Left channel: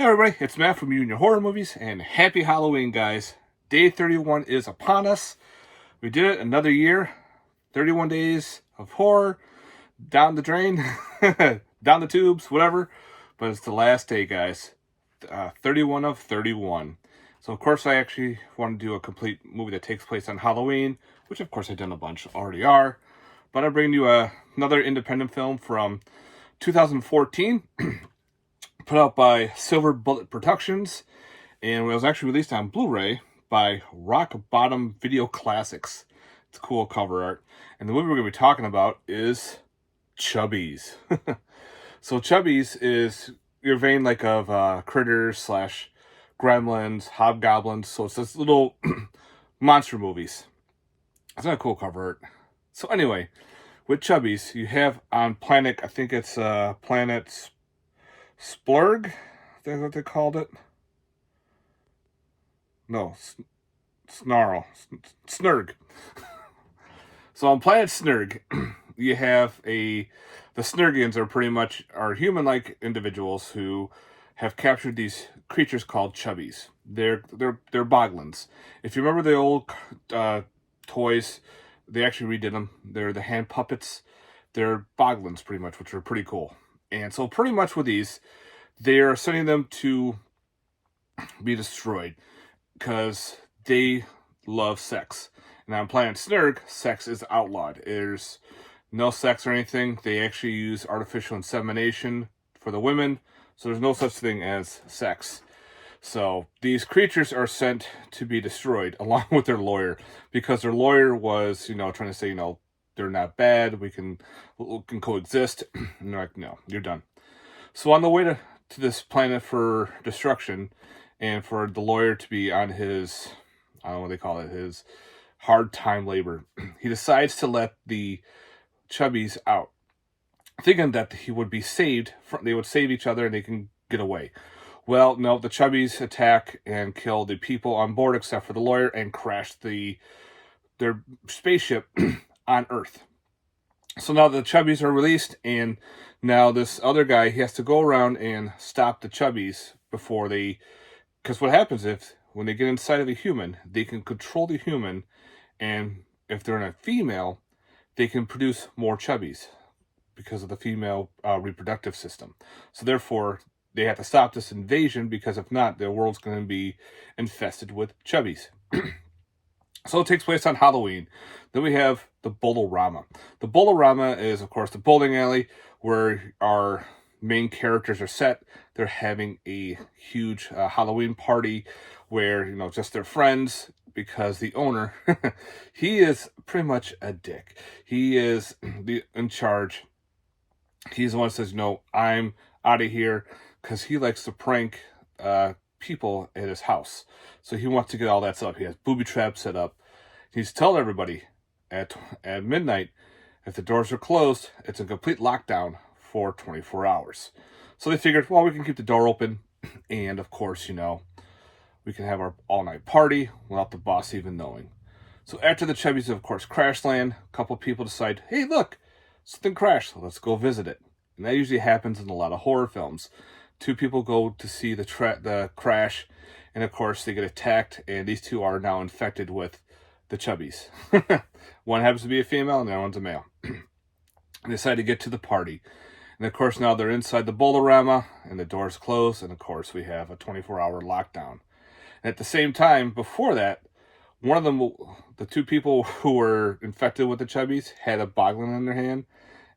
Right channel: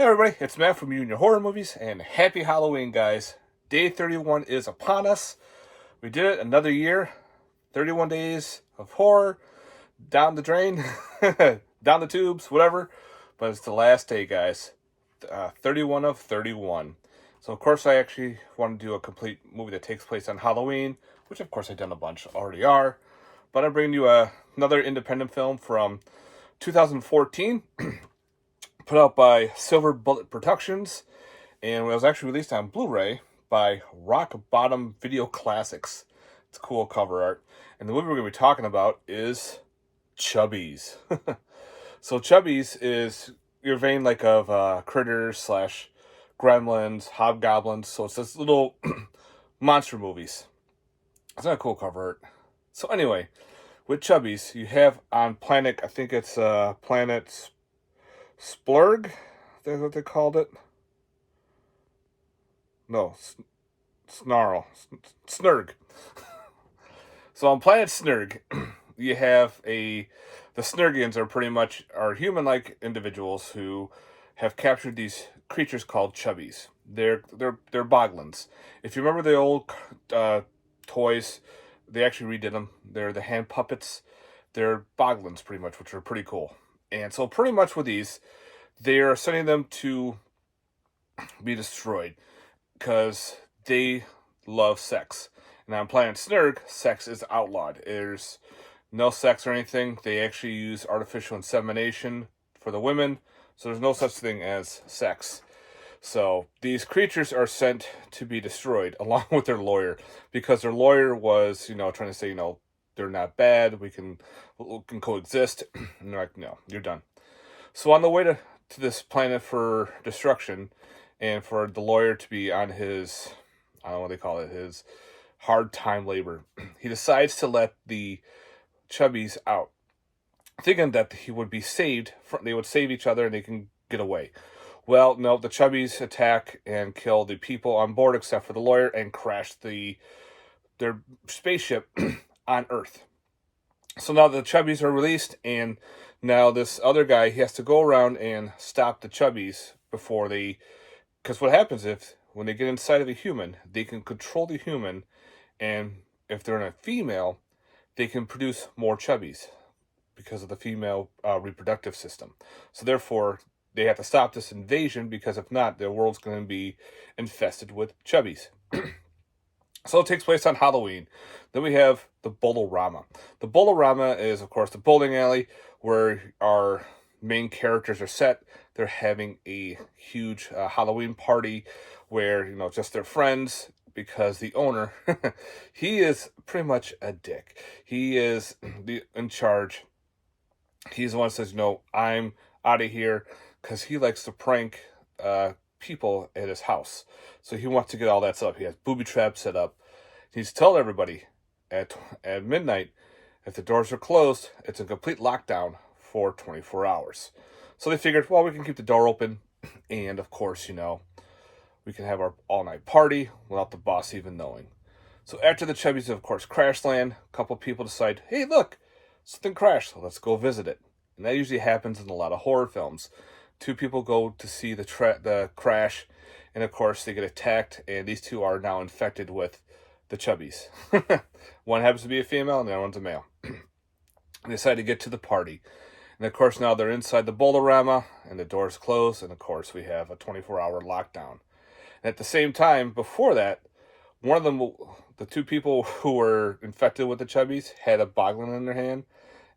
Hey everybody, it's Matt from You and Your Horror Movies, and happy Halloween, guys. Day 31 is upon us. We did it another year. 31 days of horror. Down the drain. Down the tubes, whatever. But it's the last day, guys. 31 of 31. So, of course, I actually want to do a complete movie that takes place on Halloween, which, of course, I've done a bunch already are. But I'm bringing you another independent film from 2014. Put out by Silver Bullet Productions, and it was actually released on Blu-ray by Rock Bottom Video Classics. It's cool cover art. And the movie we're going to be talking about is Chubbies. So Chubbies is your vein like of Critters / Gremlins, Hobgoblins. So it's this little monster movies. It's not a cool cover art. So anyway, with Chubbies, you have on planet, I think it's planet Splurg? That's what they called it? No, Snarl. Snurg. So on planet Snurg, you have the Snurgians are human-like individuals who have captured these creatures called Chubbies. They're boglins. If you remember the old toys, they actually redid them. They're the hand puppets. They're boglins, pretty much, which are pretty cool. And so pretty much with these, they are sending them to be destroyed because they love sex. And on planet Snurg, sex is outlawed. There's no sex or anything. They actually use artificial insemination for the women. So there's no such thing as sex. So these creatures are sent to be destroyed along with their lawyer, because their lawyer was, trying to say, they're not bad. We can coexist. And they're like, no, you're done. So on the way to this planet for destruction, and for the lawyer to be on his, I don't know what they call it, his hard time labor, he decides to let the Chubbies out, thinking that he would be saved. They would save each other and they can get away. Well, no, the Chubbies attack and kill the people on board except for the lawyer, and crash their spaceship on Earth. So now the Chubbies are released, and now this other guy, he has to go around and stop the Chubbies before they... Because what happens when they get inside of a human, they can control the human, and if they're in a female, they can produce more Chubbies because of the female reproductive system. So therefore, they have to stop this invasion, because if not, their world's going to be infested with Chubbies. So it takes place on Halloween. Then we have the Bolorama. The Bolorama is, of course, the bowling alley where our main characters are set. They're having a huge Halloween party where, just their friends, because the owner, he is pretty much a dick. He is in charge. He's the one that says, I'm out of here, because he likes to prank people at his house. So he wants to get all that set up. He has booby traps set up. He's telling everybody at midnight, if the doors are closed, it's a complete lockdown for 24 hours. So they figured, well, we can keep the door open, and of course, we can have our all-night party without the boss even knowing. So after the Chubbies, of course, crash land, a couple people decide, hey, look, something crashed, so let's go visit it. And that usually happens in a lot of horror films. Two people go to see the crash, and of course, they get attacked, and these two are now infected with the Chubbies. One happens to be a female, and the other one's a male. They decide to get to the party. And of course, now they're inside the Bolorama, and the doors close, and of course, we have a 24-hour lockdown. And at the same time, before that, one of them, the two people who were infected with the Chubbies, had a boglin in their hand,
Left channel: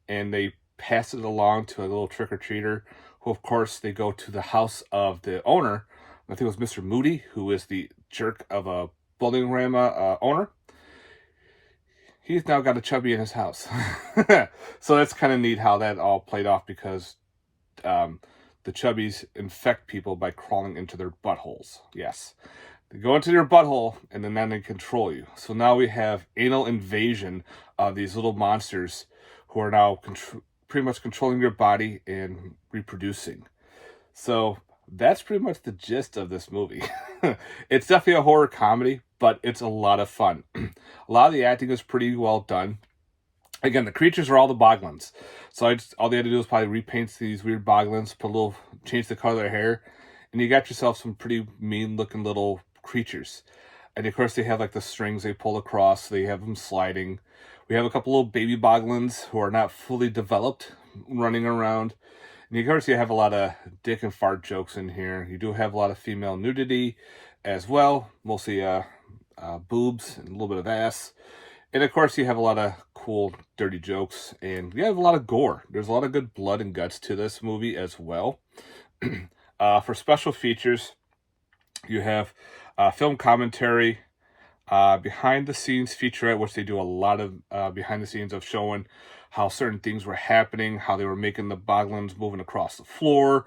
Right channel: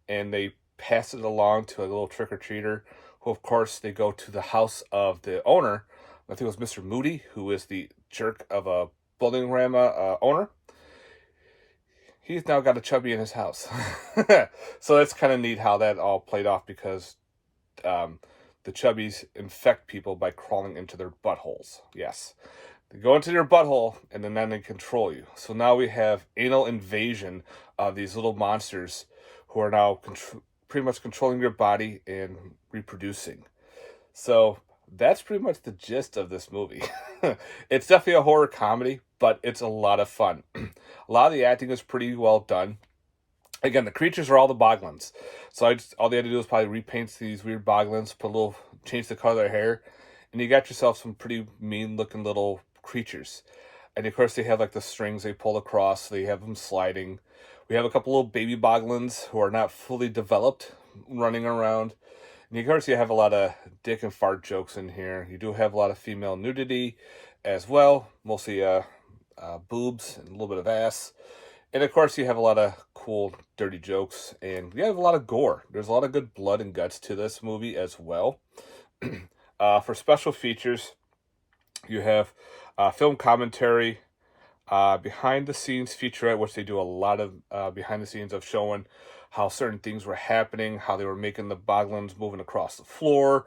and they passed it along to a little trick-or-treater, who, of course, they go to the house of the owner. I think it was Mr. Moody, who is the jerk of a Bolorama owner. He's now got a Chubby in his house. So that's kind of neat how that all played off, because the Chubbies infect people by crawling into their buttholes. Yes. They go into your butthole, and then they control you. So now we have anal invasion of these little monsters who are now pretty much controlling your body and reproducing. So that's pretty much the gist of this movie. It's definitely a horror comedy, but it's a lot of fun. A lot of the acting is pretty well done. Again, the creatures are all the boglins. So all they had to do was probably repaint these weird boglins, change the color of their hair, and you got yourself some pretty mean-looking little creatures. And of course, they have like the strings they pull across. So they have them sliding. We have a couple little baby boglins who are not fully developed running around. And of course, you have a lot of dick and fart jokes in here. You do have a lot of female nudity as well, mostly boobs and a little bit of ass. And of course, you have a lot of cool, dirty jokes, and you have a lot of gore. There's a lot of good blood and guts to this movie as well. For special features, you have film commentary, behind-the-scenes featurette, which they do a lot of behind-the-scenes of showing how certain things were happening, how they were making the boglins moving across the floor,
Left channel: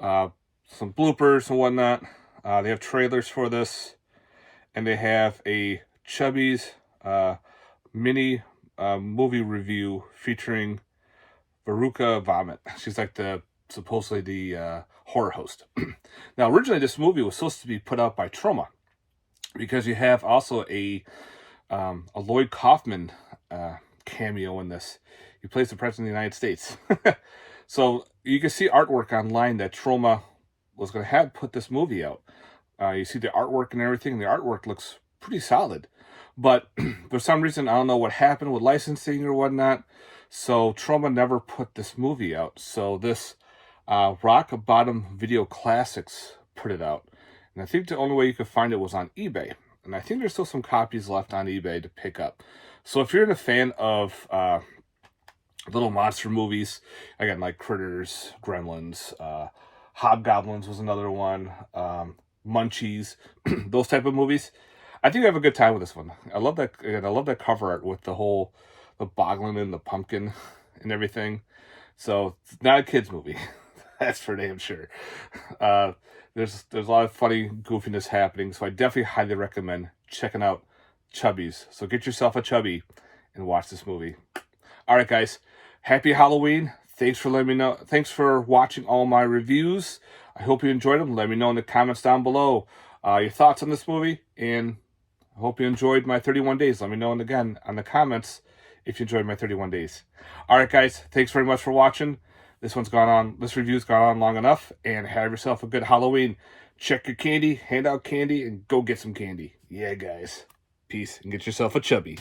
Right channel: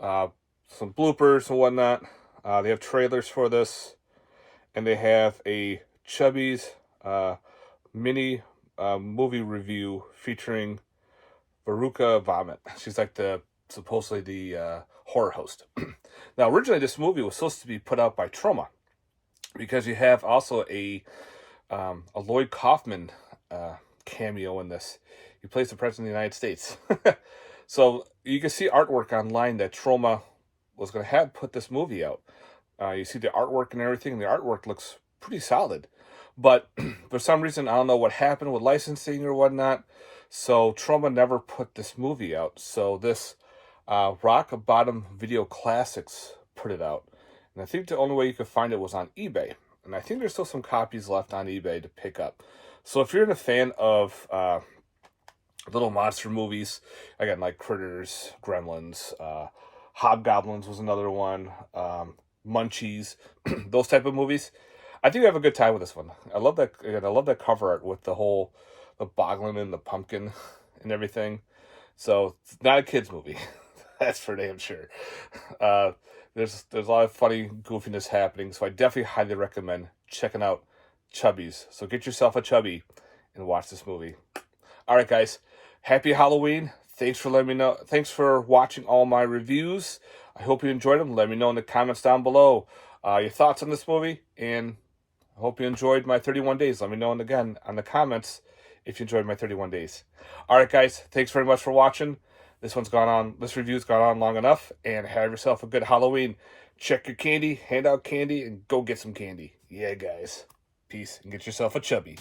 some bloopers and whatnot. They have trailers for this, and they have a Chubbies mini movie review featuring Veruca Vomit. She's like supposedly the horror host. Now, originally this movie was supposed to be put out by Troma, because you have also a Lloyd Kaufman cameo in this. He plays the President of the United States. So you can see artwork online that Troma was going to have put this movie out. You see the artwork and everything, and the artwork looks pretty solid. But for some reason, I don't know what happened with licensing or whatnot, so Troma never put this movie out. So this Rock Bottom Video Classics put it out. And I think the only way you could find it was on eBay. And I think there's still some copies left on eBay to pick up. So if you're a fan of little monster movies, again, like Critters, Gremlins, Hobgoblins was another one, Munchies, those type of movies, I think I have a good time with this one. I love that. Again, I love that cover art with the boglin and the pumpkin and everything. So it's not a kids movie. That's for damn sure. There's a lot of funny goofiness happening, so I definitely highly recommend checking out Chubbies. So get yourself a chubby and watch this movie. All right, guys. Happy Halloween. Thanks for letting me know. Thanks for watching all my reviews. I hope you enjoyed them. Let me know in the comments down below your thoughts on this movie, and I hope you enjoyed my 31 days. Let me know again on the comments if you enjoyed my 31 days. All right, guys. Thanks very much for watching. This review's gone on long enough, and have yourself a good Halloween. Check your candy, hand out candy, and go get some candy. Yeah, guys. Peace, and get yourself a chubby.